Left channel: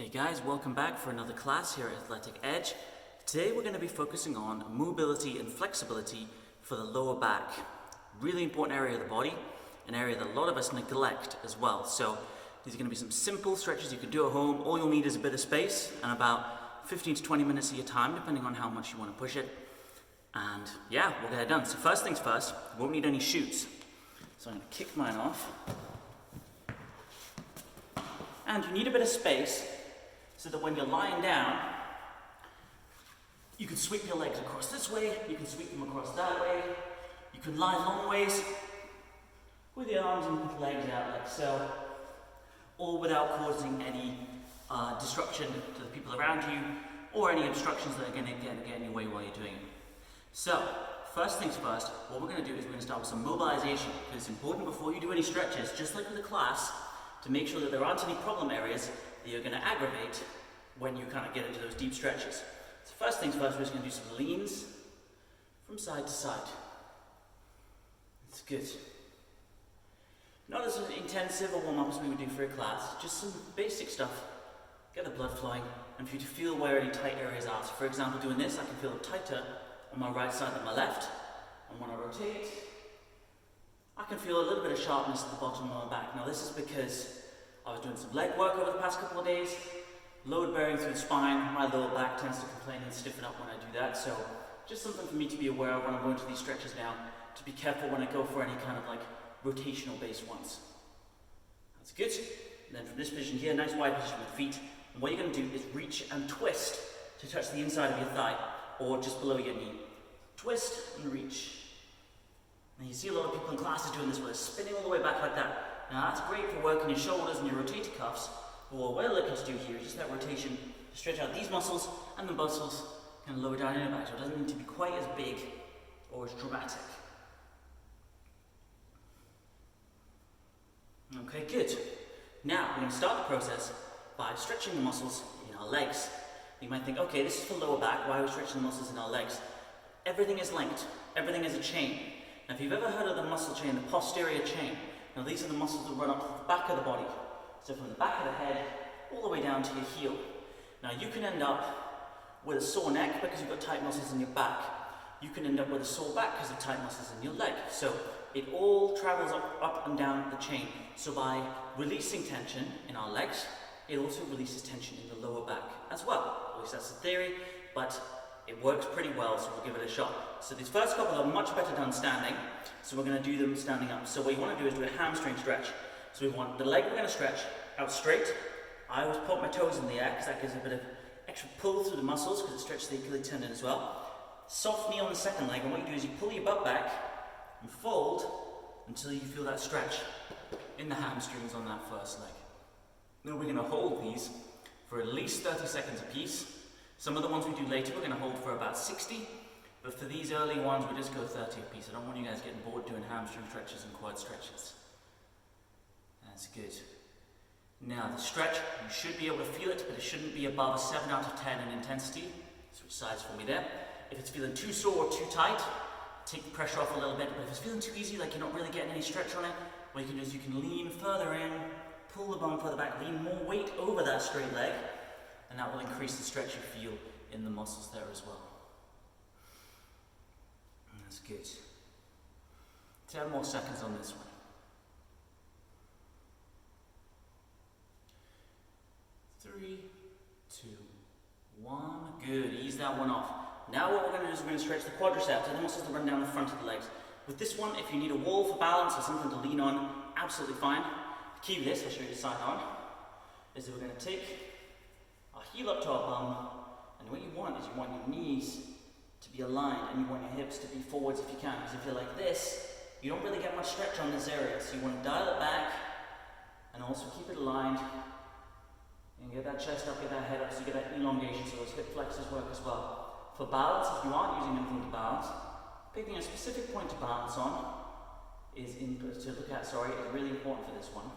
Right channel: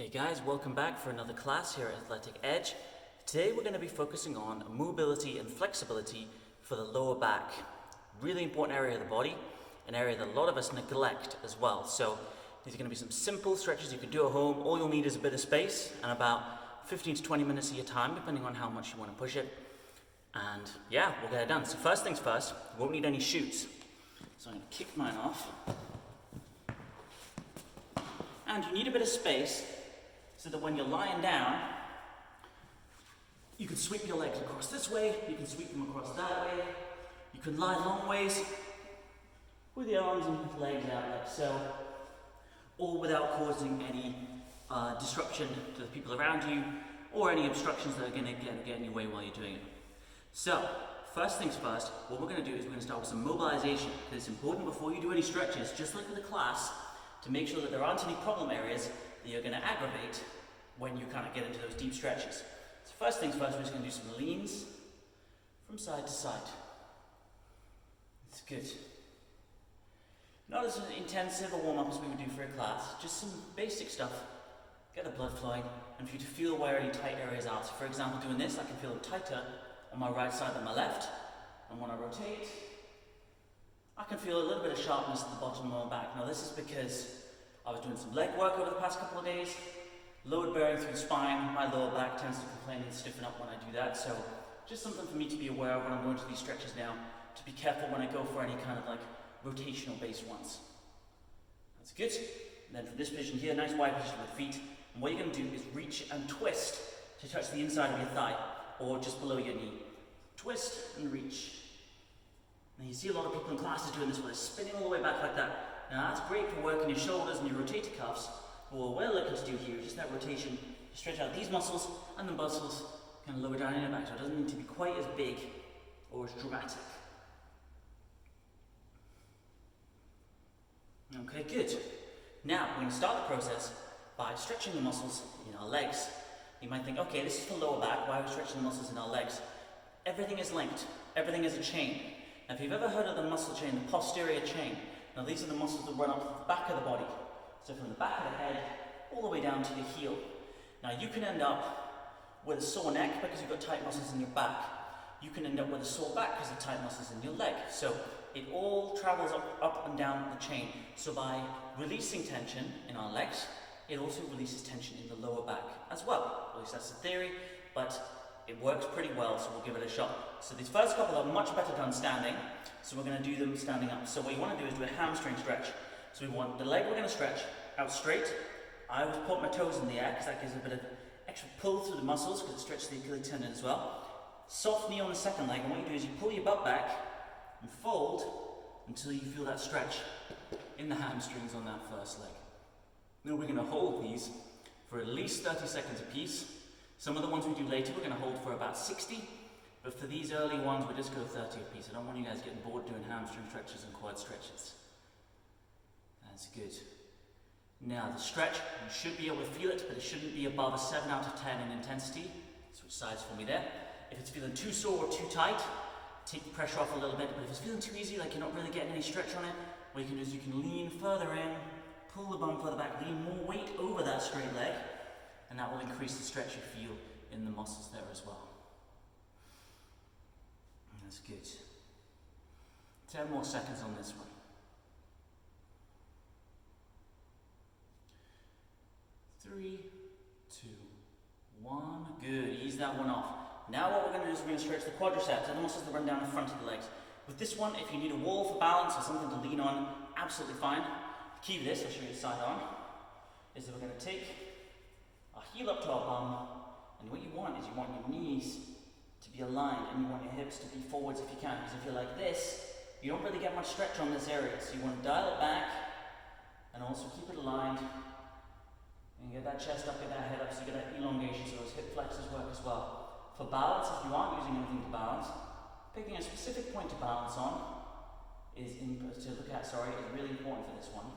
Hey guys, welcome back for another class here at Athletic Edge. Today we're going to be focusing on mobility and flexibility for the lower back. Really important area of the body, an area that a lot of us neglect as well. So these are going to be some simple stretches you can do at home. All you'll need is a bit of space and about 15 to 20 minutes of your time, depending on how much you want to push it. And yeah, we'll get it done. So first things first, you won't need any chutes. So I'm going to kick mine off. And you need a bit of space so that when you're lying down, you can sweep your legs across this way, you can sweep them across that way, you can lie long ways with your arms and legs out like so, all without causing any disruption to the people around you or any obstructions that are going to get in your way while you're doing it. So, first things first, what we're going to do is we're going to start with some mobilization, because it's important before you do any stretches, just like with the class, to make sure that there aren't any problem areas that you're going to aggravate when you kind of get into those deep stretches. So first things first, we're just going to do some leans from side to side. It's good. Not as intensive a warm-up as we would do for a class, just some basic stuff. Get the blood flowing, and for you to feel where any tight areas are. So for example, doing this, I can feel it tighter on my right side than my left. And when I rotate, I can feel a little bit of sharpness at the bottom of my back. Now this is because I was doing some leg work over the past couple of days, load bearing through the spine. My lower back tends to complain and stiffen up when I do that, so just something for me to be aware of when I'm going to these stretches now, to be careful when I go for any kind of like rotational based ones. That's good. And then from this position here, nice wide position with feet, and what you're going to do is reach and twist to touch the inside of your thigh, or just below your knee. Twist and reach. And you see a lot of people in classes doing this where they're spinning all the way back like that. Now that's great for working your shoulders and your rotator cuffs, but what we're looking to do here is just that rotation, to stretch out these muscles and the muscles kind of lower down in the back, so it doesn't need to be quite as big or as dramatic. Okay, good. Now we're going to start the process by stretching the muscles in our legs. You might think, okay, this is for lower back, why are we stretching the muscles in our legs? Everything is linked, everything is a chain. Now if you've ever heard of the muscle chain, the posterior chain, now these are the muscles that run up the back of the body. So from the back of the head, all the way down to your heel. Now you can end up with a sore neck because you've got tight muscles in your back. You can end up with a sore back because of tight muscles in your leg. So it all travels up and down the chain. So by releasing tension in our legs, it also releases tension in the lower back as well. At least that's the theory, but it works pretty well, so we'll give it a shot. So these first couple are much better done standing, so we're going to do them standing up. So what you want to do is do a hamstring stretch. So we want the leg we're going to stretch out straight. I always put my toes in the air because that gives a bit of extra pull through the muscles because it stretches the Achilles tendon as well. Soft knee on the second leg, and what you do is you pull your butt back and fold until you feel that stretch in the hamstrings on that first leg. Now we're going to hold these for at least 30 seconds apiece. Some of the ones we do later we're going to hold for about 60, but for these early ones we just go 30 apiece. I don't want you guys getting bored doing hamstring stretches and quad stretches. That's good. Now the stretch, you should be able to feel it, but it shouldn't be above a 7 out of 10 in intensity. Switch sides for me there. If it's feeling too sore or too tight, take the pressure off a little bit, but if it's feeling too easy, like you're not really getting any stretch on it, what you can do is you can lean further in, pull the bum further back, lean more weight over that straight leg, and that will increase the stretch you feel in the muscles there as well. That's good. 10 more seconds on this one. 3, 2, 1. Good. Ease that one off. Now what we're going to do is we're going to stretch the quadriceps and the muscles that run down the front of the legs. With this one, if you need a wall for balance or something to lean on, absolutely fine. The key to this, I'll show you the side on, is that we're going to take our heel up to our bum, and what you want is you want your knees to be aligned and you want your hips to be forwards if you can, because if you're like this, you don't really get much stretch on this area, so you want to dial it back and also keep it aligned and get that chest up, get that head up, so you get that elongation, so those hip flexors work as well. For balance, if you aren't using anything to balance, picking a specific point to balance on is really important for this one.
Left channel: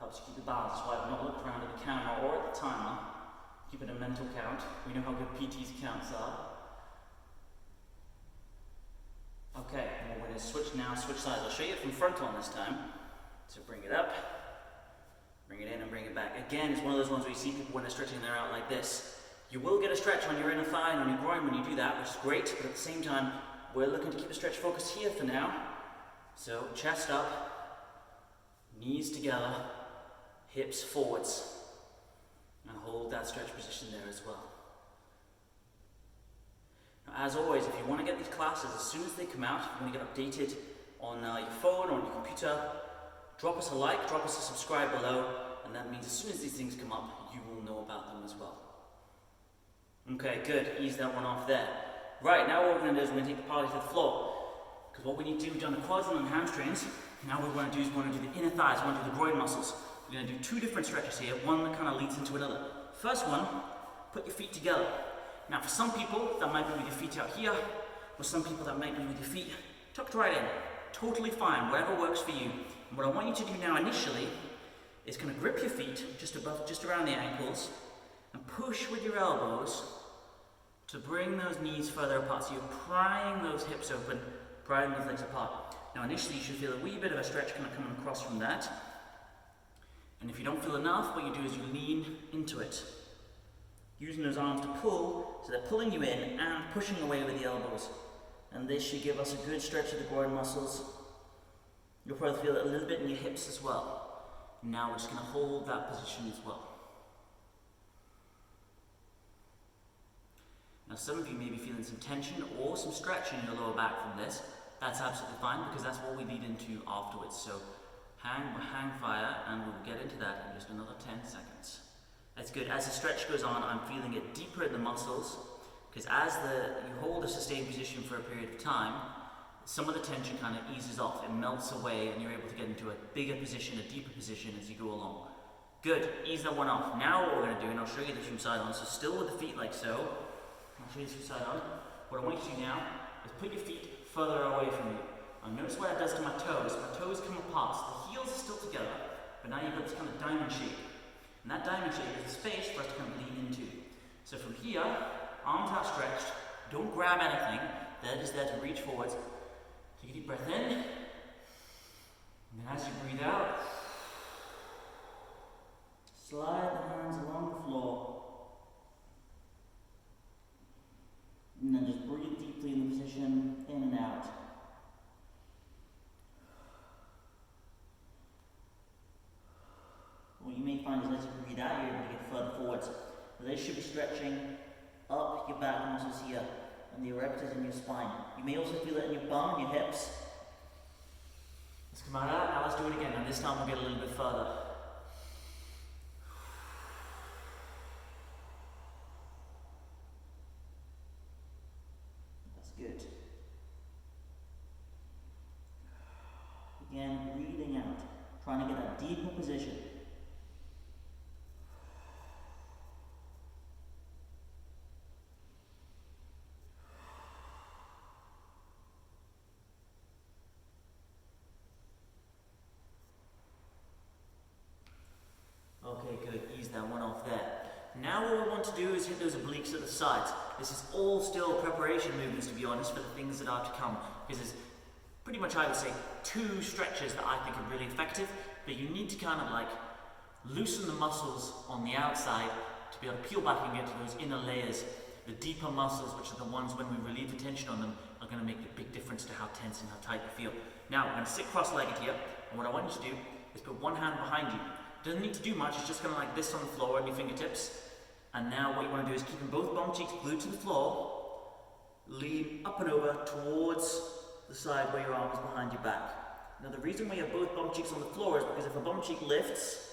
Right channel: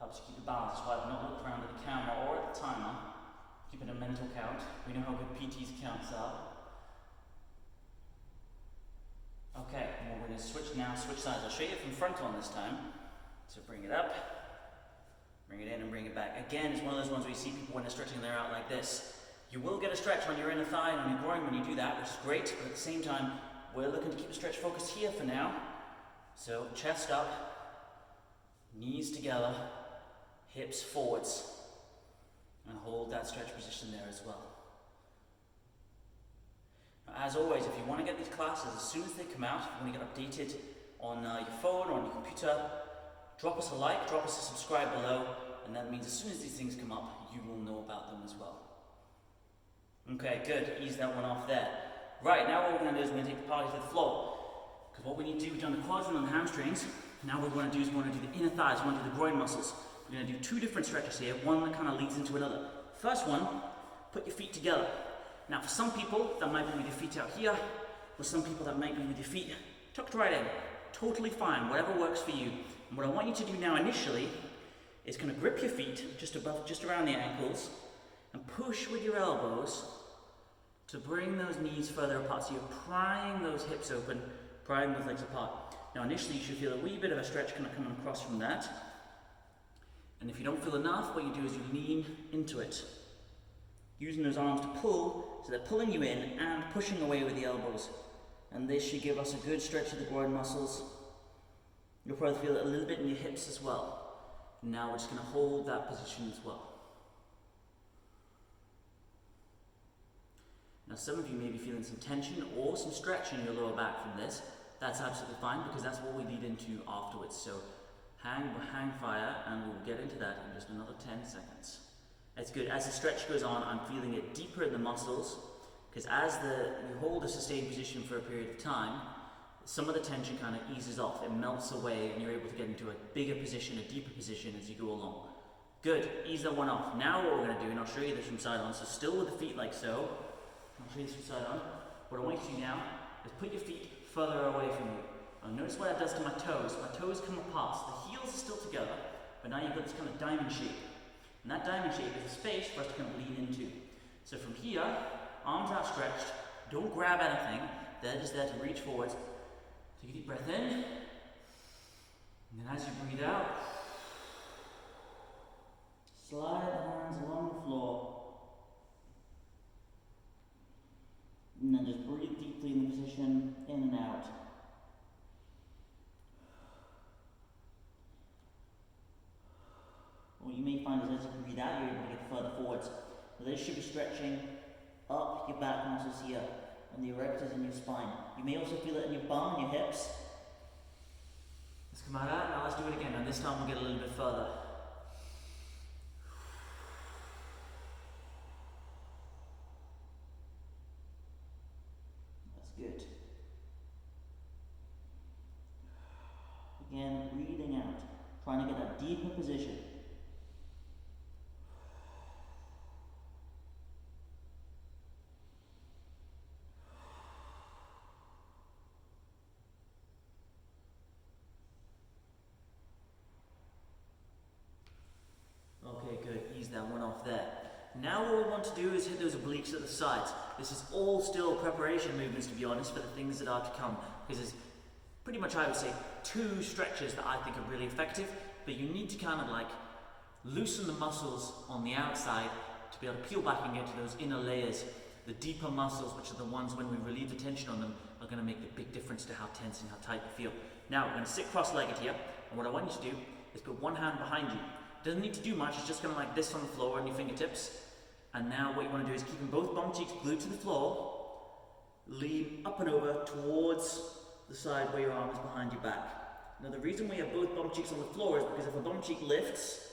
Helps you keep the balance. That's why I've not looked around at the camera or at the timer. Keeping a mental count. We know how good PT's counts are. Okay, and we're going to switch sides. I'll show you it from front on this time. So bring it up, Bring it in and bring it back. Again, it's one of those ones where you see people when they're stretching their out like this. You will get a stretch on your inner thigh and on your groin when you do that, which is great, but at the same time, we're looking to keep the stretch focused here for now. So chest up, knees together, hips forwards, and hold that stretch position there as well. Now, as always, if you want to get these classes as soon as they come out, if you want to get updated on your phone or on your computer, drop us a like, drop us a subscribe below, and that means as soon as these things come up, you will know about them as well. Okay, good. Ease that one off there. Right, now what we're going to do is we're going to take the party to the floor. Because what we need to do, we've done the quads and the hamstrings. Now what we want to do is we want to do the inner thighs, we want to do the groin muscles. We're going to do two different stretches here, one that kind of leads into another. First one, put your feet together. Now for some people, that might be with your feet out here. For some people, that might be with your feet tucked right in. Totally fine, whatever works for you. And what I want you to do now initially is kind of grip your feet just around the ankles and push with your elbows to bring those knees further apart. So you're prying those hips open, prying those legs apart. Now initially you should feel a wee bit of a stretch kind of coming across from that. And if you don't feel enough, what you do is you lean into it. Using those arms to pull, so they're pulling you in and pushing away with the elbows. And this should give us a good stretch of the groin muscles. You'll probably feel it a little bit in your hips as well. Now we're just going to hold that position as well. Now some of you may be feeling some tension or some stretch in your lower back from this. That's absolutely fine because that's what we lead into afterwards. So hang fire and we'll get into that in just another 10 seconds. That's good. As the stretch goes on, I'm feeling it deeper in the muscles because as you hold a sustained position for a period of time, some of the tension kind of eases off, it melts away and you're able to get into a bigger position, a deeper position as you go along. Good, ease that one off. Now what we're going to do, and I'll show you this from side on, so still with the feet like so, I'll show you this from side on. What I want you to do now is put your feet further away from you. Now notice what that does to my toes. My toes come apart, so the heels are still together, but now you've got this kind of diamond shape. And that diamond shape is a space for us to kind of lean into. So from here, arms outstretched, don't grab anything, they're just there to reach forwards. Take a deep breath in, and then as you breathe out, slide the hands along the floor. And then just breathe deeply in the position, in and out. What you may find is as you breathe out, you're able to get further forwards. So they should be stretching up your back muscles here, and the erectors in your spine. You may also feel it in your bum and your hips. Let's come out of that, now let's do it again, and this time we'll get a little bit further. Good. Again, breathing out, trying to get that deeper position. Okay, good. Ease that one off there. Now what we want to do is hit those obliques at the sides. This is all still preparation movements, to be honest, for the things that are to come. Because there's pretty much, I would say, two stretches that I think are really effective, but you need to kind of like loosen the muscles on the outside to be able to peel back and get to those inner layers. The deeper muscles, which are the ones when we relieve the tension on them, are going to make a big difference to how tense and how tight you feel. Now, we're going to sit cross-legged here, and what I want you to do is put one hand behind you. Doesn't need to do much, it's just kind of like this on the floor on your fingertips. And now what you want to do is keeping both bum cheeks glued to the floor, lean up and over towards the side where your arm is behind your back. Now the reason why you have both bum cheeks on the floor is because if a bum cheek lifts,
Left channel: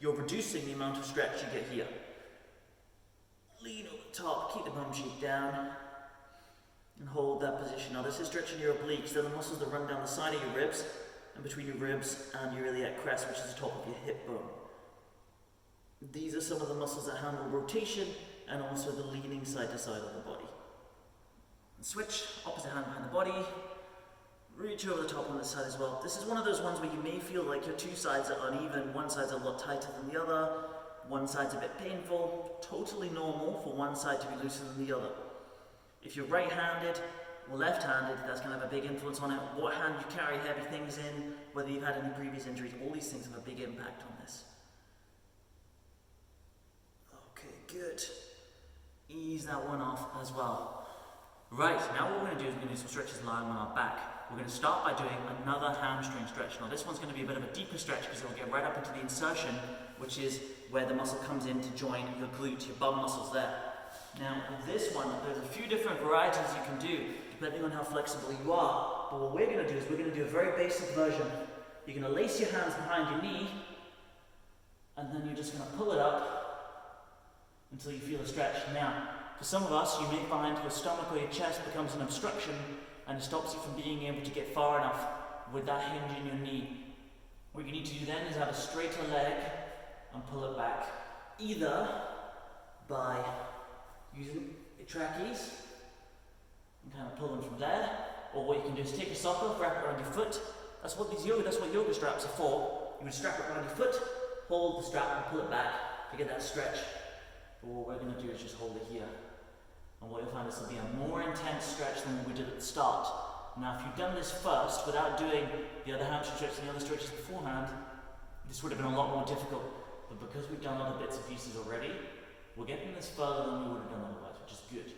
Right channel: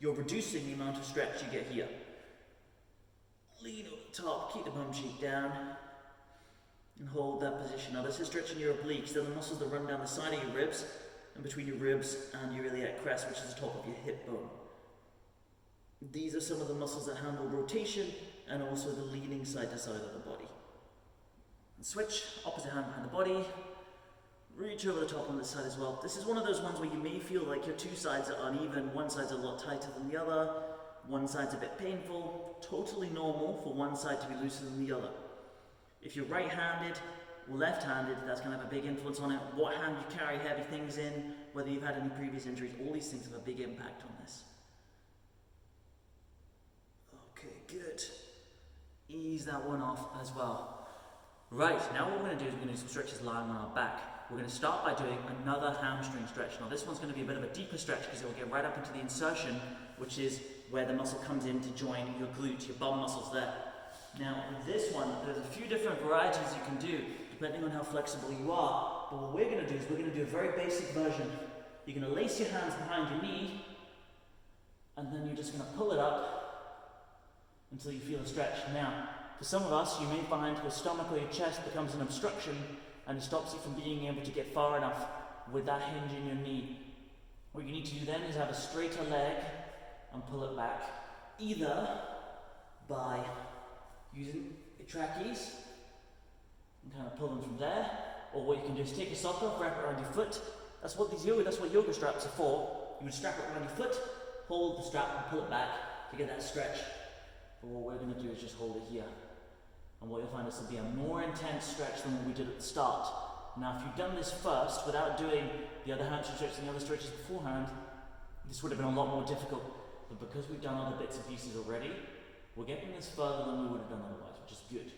you're reducing the amount of stretch you get here. Lean over the top, keep the bum cheek down, and hold that position. Now this is stretching your obliques, they're the muscles that run down the side of your ribs, and between your ribs and your iliac crest, which is the top of your hip bone. These are some of the muscles that handle rotation and also the leaning side to side of the body. And switch, opposite hand behind the body, reach over the top on this side as well. This is one of those ones where you may feel like your two sides are uneven, one side's a lot tighter than the other, one side's a bit painful, totally normal for one side to be looser than the other. If you're right-handed or left-handed, that's going to have a big influence on it. What hand you carry heavy things in, whether you've had any previous injuries, all these things have a big impact on this. good. Ease that one off as well. Right, now what we're going to do is we're going to do some stretches lying on our back. We're going to start by doing another hamstring stretch. Now this one's going to be a bit of a deeper stretch because it'll get right up into the insertion, which is where the muscle comes in to join your glute, your bum muscles there. Now with this one, there's a few different varieties you can do depending on how flexible you are. But what we're going to do is we're going to do a very basic version. You're going to lace your hands behind your knee, and then you're just going to pull it up until you feel a stretch. Now, for some of us, you may find your stomach or your chest becomes an obstruction and it stops you from being able to get far enough with that hinge in your knee. What you need to do then is have a straighter leg and pull it back, either by using your trackies and kind of pull them from there, or what you can do is take a sock off, wrap it around your foot. That's what yoga straps are for. You would strap it around your foot, hold the strap and pull it back to get that stretch. But what we're going to do is just hold it here. And what you'll find is will be a more intense stretch than what we did at the start. Now if you've done this first without doing the other hamstring stretch and the other stretches beforehand, this would have been a lot more difficult. But because we've done other bits and pieces already, we're getting this further than we would have done otherwise, which is good.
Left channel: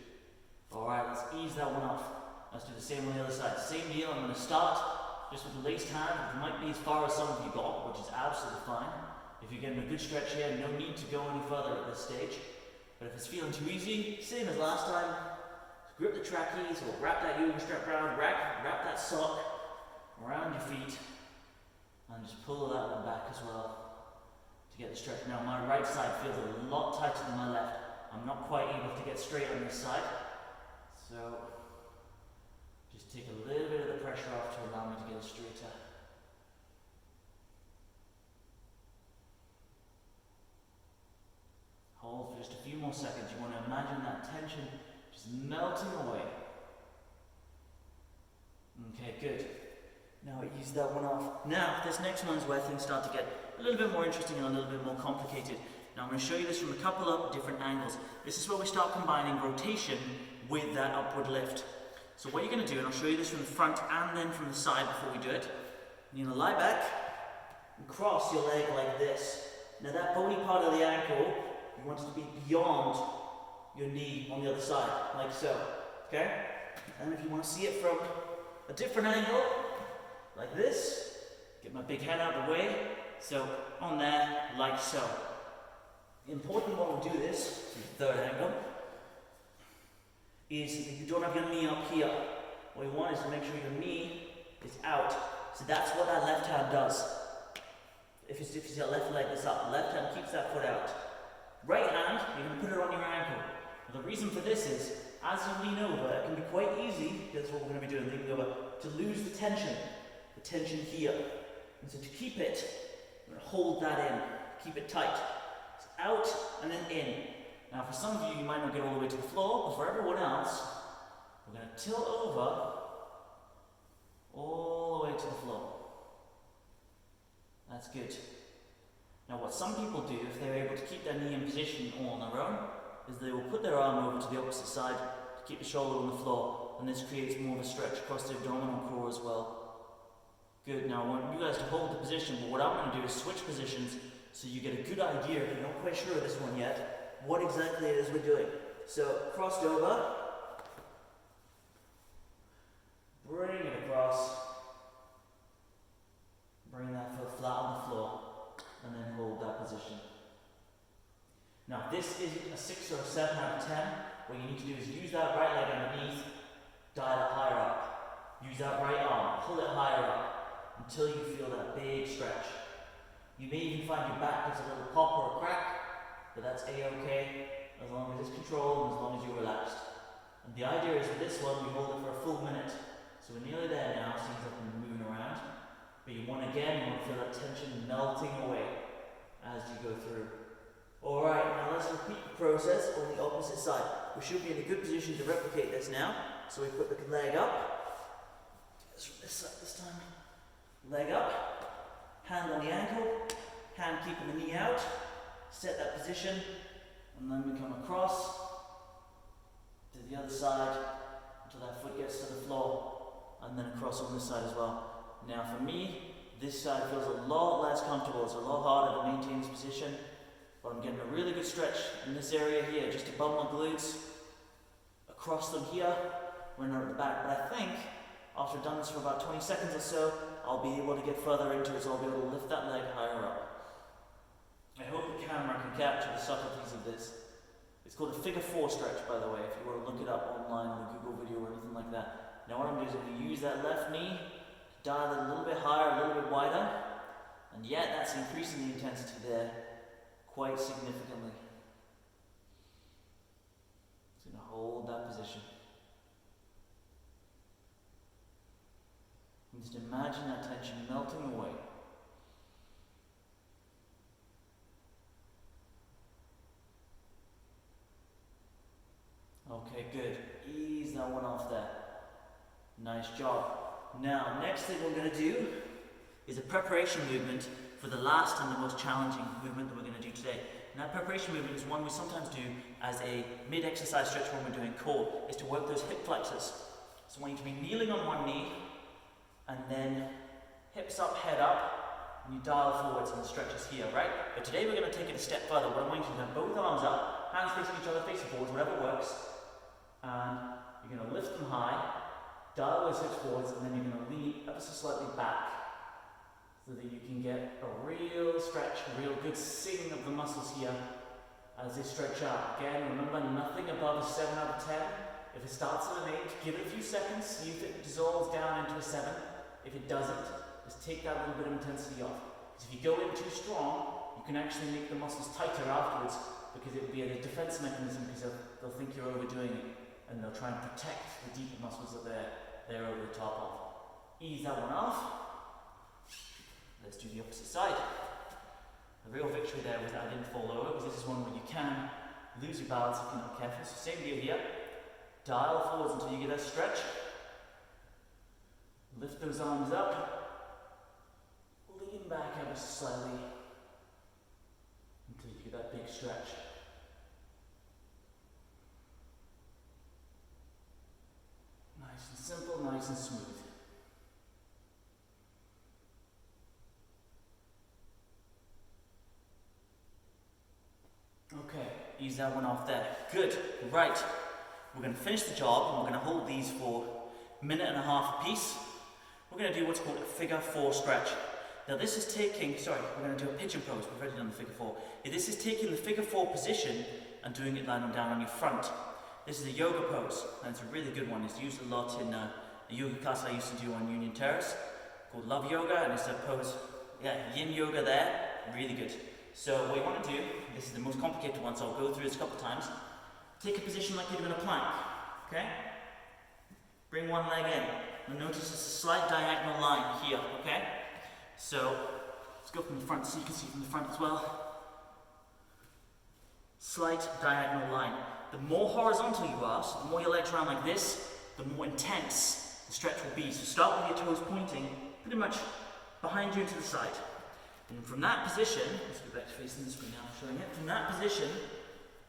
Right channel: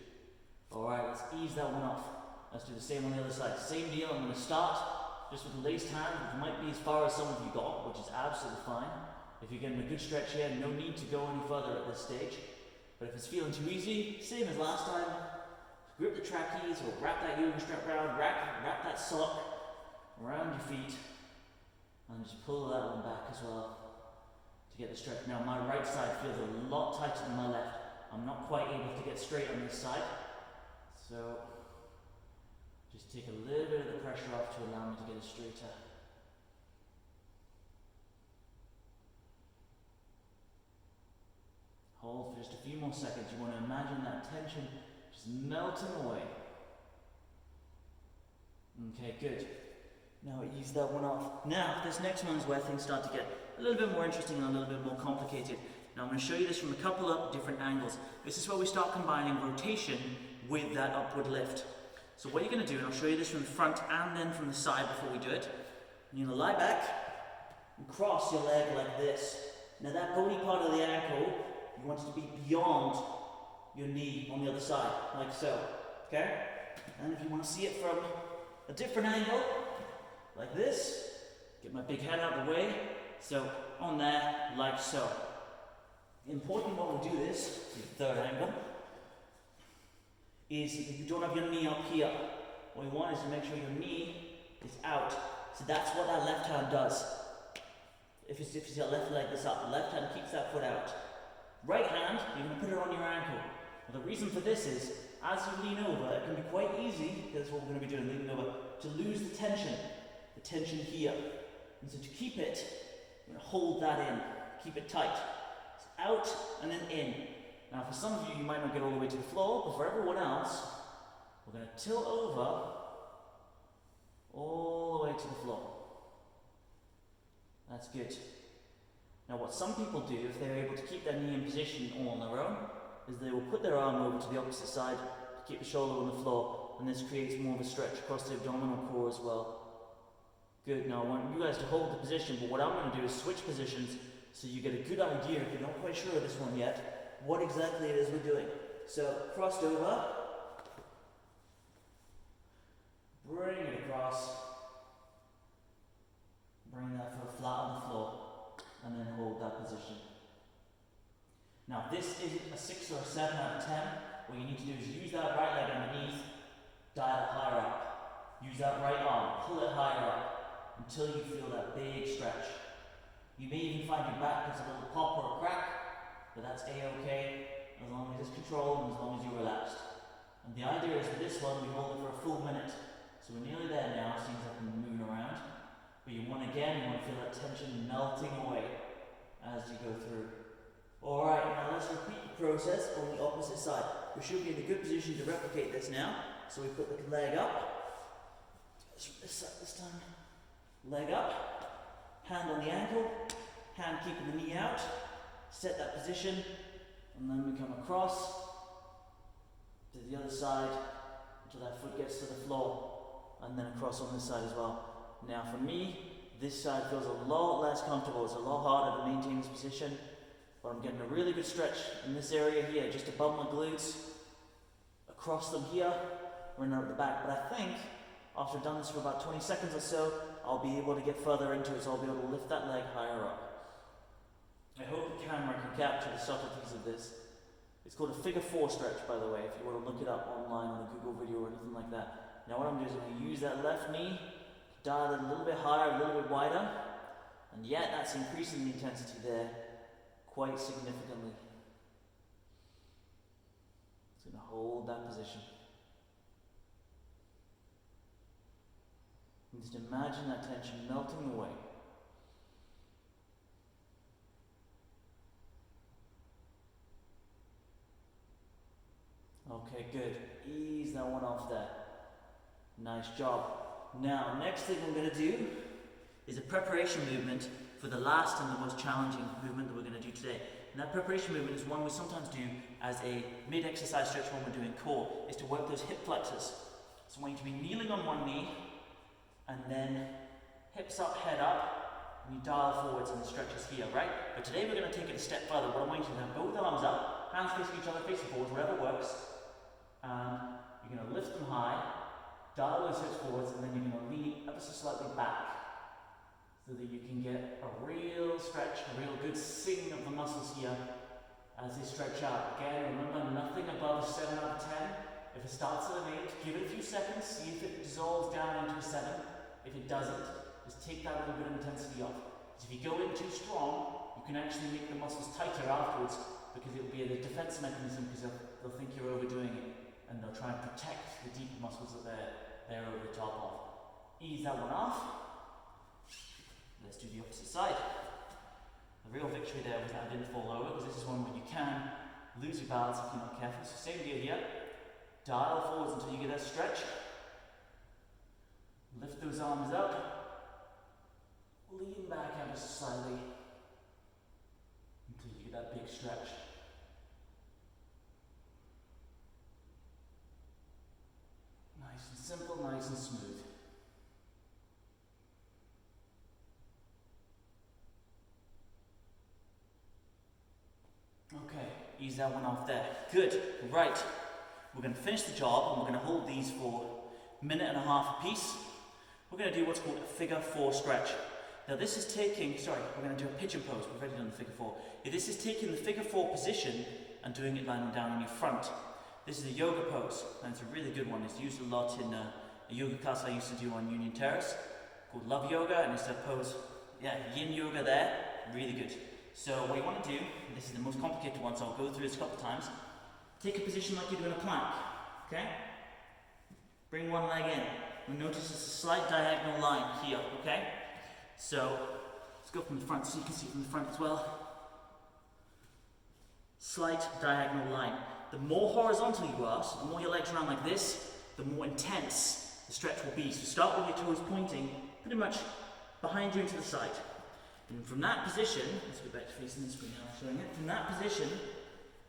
Alright, let's ease that one off. Let's do the same on the other side. Same deal, I'm going to start just with the laced hand. It might be as far as some of you got, which is absolutely fine. If you're getting a good stretch here, no need to go any further at this stage. But if it's feeling too easy, same as last time, grip the trackies or wrap that yoga strap around, wrap that sock around your feet, and just pull that one back as well to get the stretch. Now my right side feels a lot tighter than my left. I'm not quite able to get straight on this side, so just take a little bit of the pressure off to allow me to get it straighter. Hold for just a few more seconds. You want to imagine that tension just melting away. Okay, good. Now ease that one off. Now, this next one is where things start to get a little bit more interesting and a little bit more complicated. Now I'm going to show you this from a couple of different angles. This is where we start combining rotation with that upward lift. So what you're going to do, and I'll show you this from the front and then from the side before we do it. You're going to lie back and cross your leg like this. Now that bony part of the ankle, you want it to be beyond your knee on the other side, like so, okay? And if you want to see it from a different angle, like this, get my big hand out of the way, so on there, like so. Important when we do this, the third angle, is that you don't have your knee up here. What you want is to make sure your knee is out. So that's what that left hand does. If you see your left leg that's up, the left hand keeps that foot out. Right hand, you're going to put it on your ankle. Now the reason for this is, as you lean over, it can be quite easy, that's what we're going to be doing, leaning over, to lose the tension here. And so to keep it, we're going to hold that in, keep it tight. It's out and then in. Now for some of you, you might not get all the way to the floor, but for everyone else, we're going to tilt over all the way to the floor. That's good. Now what some people do, if they're able to keep their knee in position all on their own, is they will put their arm over to the opposite side to keep the shoulder on the floor, and this creates more of a stretch across the abdominal core as well. Good, now I want you guys to hold the position, but what I'm going to do is switch positions so you get a good idea, if you're not quite sure of this one yet, what exactly it is we're doing. So, crossed over, bring it across, bring that foot flat on the floor, and then hold that position. Now this isn't a 6 or a 7 out of 10. What you need to do is use that right leg underneath, dial it higher up. Use that right arm, pull it higher up until you feel that big stretch. You may even find your back gets a little pop or a crack, but that's a-okay as long as it's controlled and as long as you're relaxed. And the idea is with this one, we hold it for a full minute. So we're nearly there now, seems like we're moving around. But you want to feel that tension melting away as you go through. Alright, now let's repeat the process on the opposite side. We should be in a good position to replicate this now. So we put the leg up. Let's from this side this time. Leg up, hand on the ankle, hand keeping the knee out. Set that position, and then we come across to the other side until that foot gets to the floor, and then across on this side as well. Now for me, this side feels a lot less comfortable. It's a lot harder to maintain this position. but I'm getting a really good stretch in this area here, just above my glutes, across them here, running out the back. But I think after I've done this for about 20 seconds or so, I'll be able to get further into it, so I'll be able to lift that leg higher up. I hope the camera can capture the subtleties of this. It's called a figure 4 stretch, by the way, if you want to look it up online in a Google video or anything like that. Now what I'm doing is I'm going to use that left knee to dial it a little bit higher, a little bit wider, and yet that's increasing the intensity there quite significantly. Just going to hold that position. And just imagine that tension melting away. Okay, good. Ease that one off there. Nice job. Now, next thing we're going to do is a preparation movement for the last and the most challenging movement that we're going to do today. And that preparation movement is one we sometimes do as a mid-exercise stretch when we're doing core, is to work those hip flexors. So I want you to be kneeling on one knee, and then hips up, head up, and you dial forwards and the stretches here, right? But today we're going to take it a step further. What I want you to do is have both arms up, hands facing each other, facing forwards, whatever works. And you're going to lift them high, dial those hips forwards, and then you're going to lean ever so slightly back so that you can get a real stretch, a real good sing of the muscles here as they stretch out. Again, remember, nothing above a 7 out of 10. If it starts at an 8, give it a few seconds, see if it dissolves down into a 7. If it doesn't, just take that little bit of intensity off. Because if you go in too strong, you can actually make the muscles tighter afterwards, because it will be a defense mechanism, because they'll think you're overdoing it. And they'll try and protect the deeper muscles that they're over the top of. Ease that one off. Let's do the opposite side. The real victory there was that I didn't fall over, because this is one where you can lose your balance if you're not careful. So same deal here. Dial forwards until you get that stretch. Lift those arms up. Lean back ever so slightly until you get that big stretch. Nice and simple, nice and smooth. Okay, ease that one off there. Good, right. We're going to finish the job and we're going to hold these for a minute and a half a piece. We're going to do what's called a figure 4 stretch. Now this is taking, we're going to do a pigeon pose. We've already done the figure 4. This is taking the figure 4 position and doing it lying down on your front. This is a yoga pose, and it's a really good one. It's used a lot in a yoga class I used to do on Union Terrace called Love Yoga, and it's a pose, yin yoga there, really good. So what you want to do, this is the most complicated one, so I'll go through this a couple of times. Take a position like you're doing a plank, okay? Bring one leg in. You'll notice it's a slight diagonal line here, okay? So, let's go from the front so you can see from the front as well. Slight diagonal line. The more horizontal you are, so the more your legs are around like this, the more intense the stretch will be. So start with your toes pointing pretty much behind you and to the side. And from that position, let's go back to facing the screen now, showing it. From that position,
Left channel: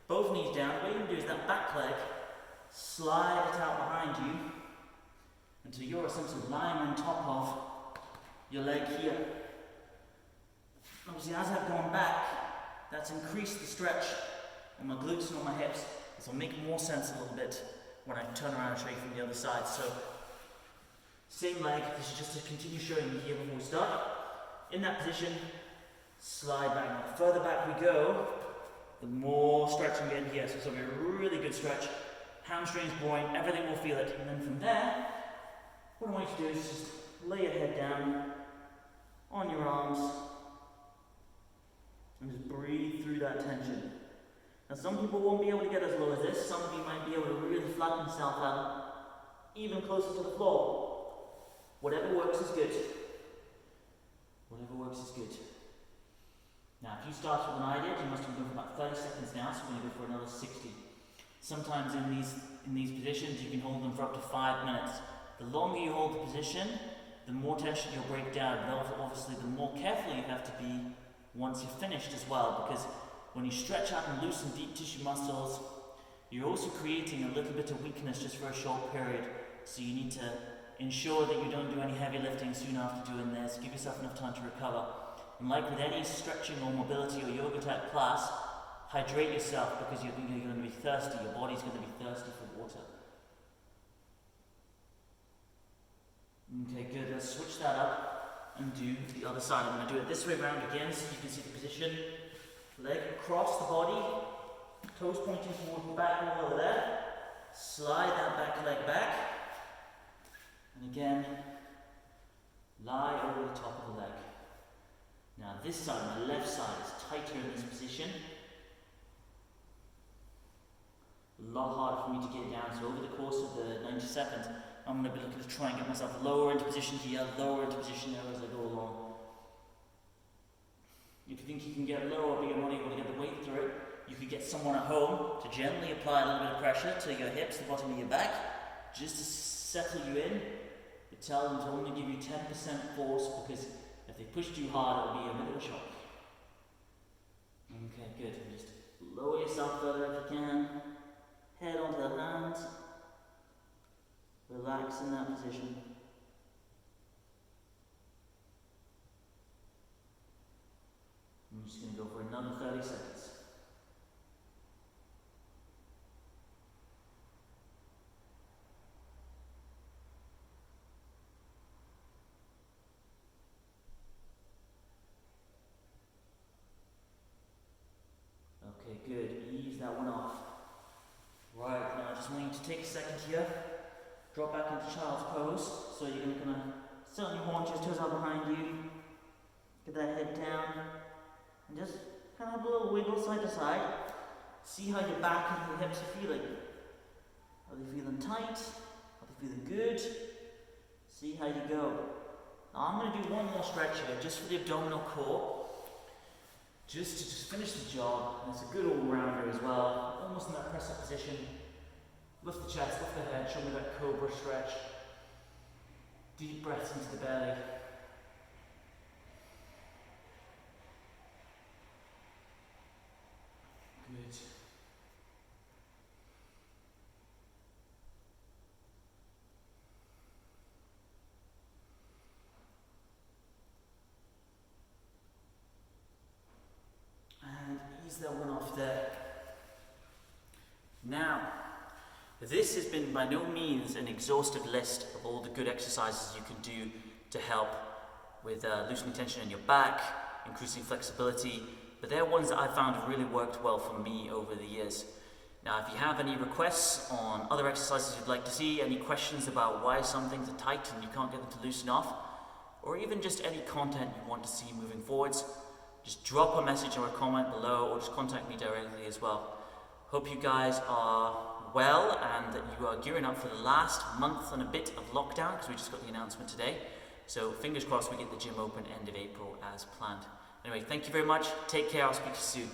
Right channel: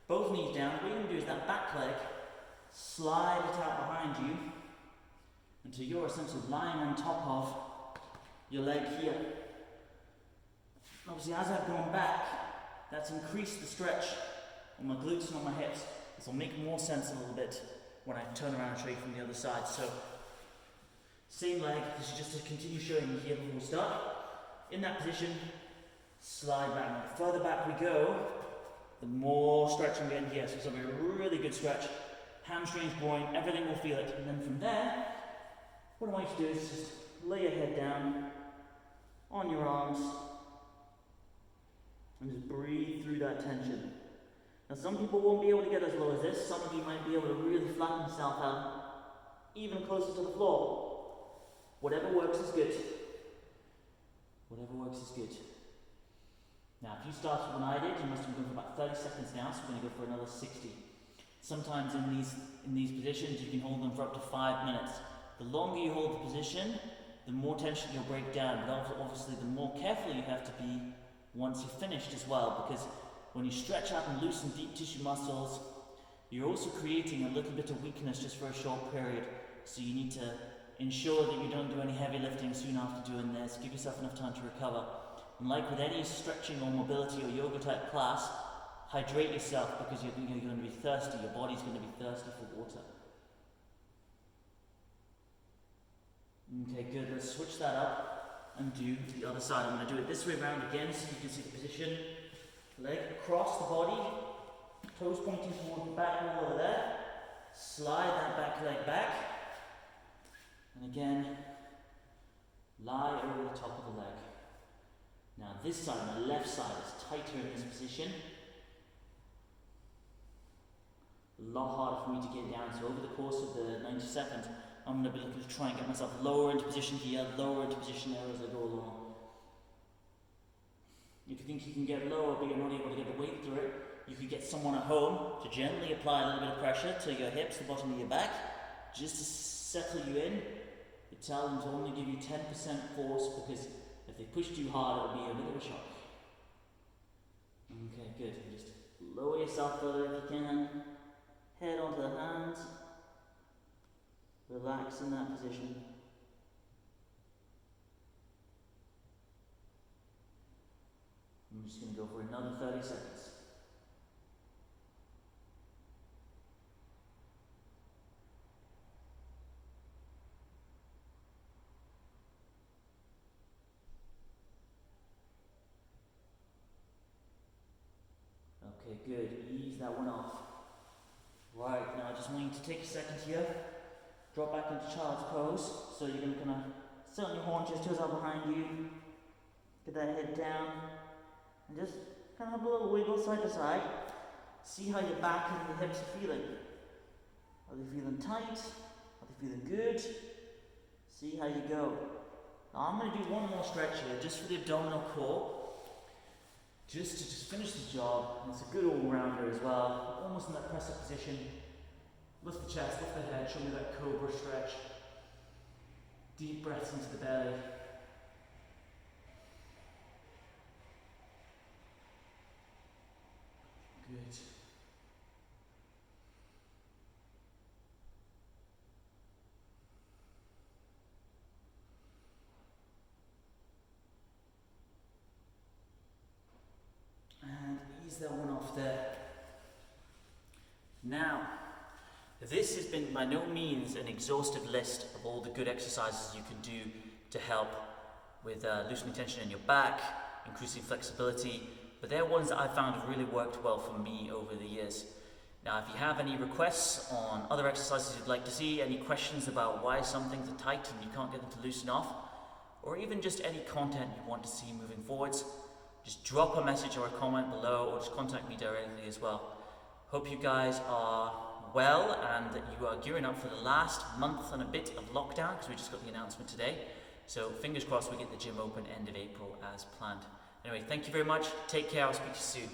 both knees down, what you're going to do is that back leg, slide it out behind you until you're essentially lying on top of your leg here. Obviously, as I've gone back, that's increased the stretch on my glutes and on my hips. This will make more sense a little bit when I turn around and show you from the other side. So, same leg, this is just to continue showing you here before we start. In that position, slide back. The further back we go, the more stretch I'm getting here. So it's going to be a really good stretch. Hamstrings, groin, everything will feel it. And then from there, what I want you to do is just lay your head down on your arms and just breathe through that tension. Now some people won't be able to get as low as this. Some of you might be able to really flatten yourself out even closer to the floor. Whatever works is good. Whatever works is good. Now, if you started when I did, you must have been going for about 30 seconds now, so we're going to go for another 60. Sometimes in these positions, you can hold them for up to 5 minutes. The longer you hold the position, the more tension you'll break down, but obviously the more careful you have to be once you're finished as well, because when you stretch out and loosen deep tissue muscles, you're also creating a little bit of weakness just for a short period. So you need to ensure that you don't do any heavy lifting soon after doing this. Give yourself enough time to recover. And like with any stretching or mobility or yoga type class, hydrate yourself because you're going to be thirsty. Your body's going to be thirsty for water. Okay, good. Let's switch that up and do the other side. I'm going to do it this way around again so you can see the position. Leg across the body, toes pointing toward the back wall over there. Slide that back leg back. And again, lie over the top of the leg. Now this side, my left side, is tighter in this position. A lot harder for me to get down. So over the course of the 90 seconds, I'm going to be looking to try and get myself lower into position here, lower into position there as I go along. If you think you can get lower but you're not able to get the weight through it, you could get someone at home to gently apply a little bit of pressure to your hips, the bottom of your back, just to settle you in. You tell them to only give you 10% force because if they push too hard, it'll be a bit of a shock. Okay, good. Just lower yourself further if you can. Head onto the hands. Relax in that position. I'm just going to go for another 30 seconds. Okay, good. Ease that one off. Right, now I just want you to take a second here. Drop back into child's pose. So you're going to kind of sit on your haunches, toes out behind you. Get that head down. And just kind of have a little wiggle side to side. See how your back and your hips are feeling. Are they feeling tight? Are they feeling good? See how you go. Now I'm going to do one more stretch here, just for the abdominal core. Just to finish the job. And it's a good all-rounder as well. Almost in that press-up position. Lift the chest, lift the head, show me that Cobra Stretch. Deep breaths into the belly. Good. And ease that one off there. Now, this has been by no means an exhaustive list of all the good exercises you can do to help with loosening tension in your back, increasing flexibility, but they're ones that I found have really worked well for me over the years. Now, if you have any requests on other exercises you'd like to see, any questions about why some things are tight and you can't get them to loosen off, or even just any content you want to see moving forwards, just drop a message or a comment below, or just contact me directly as well. Hope you guys are well and that you are gearing up for the last month and a bit of lockdown, because we just got the announcement today. So fingers crossed we get the gym open end of April as planned. Anyway, thank you very much. Take care. I'll speak to you soon.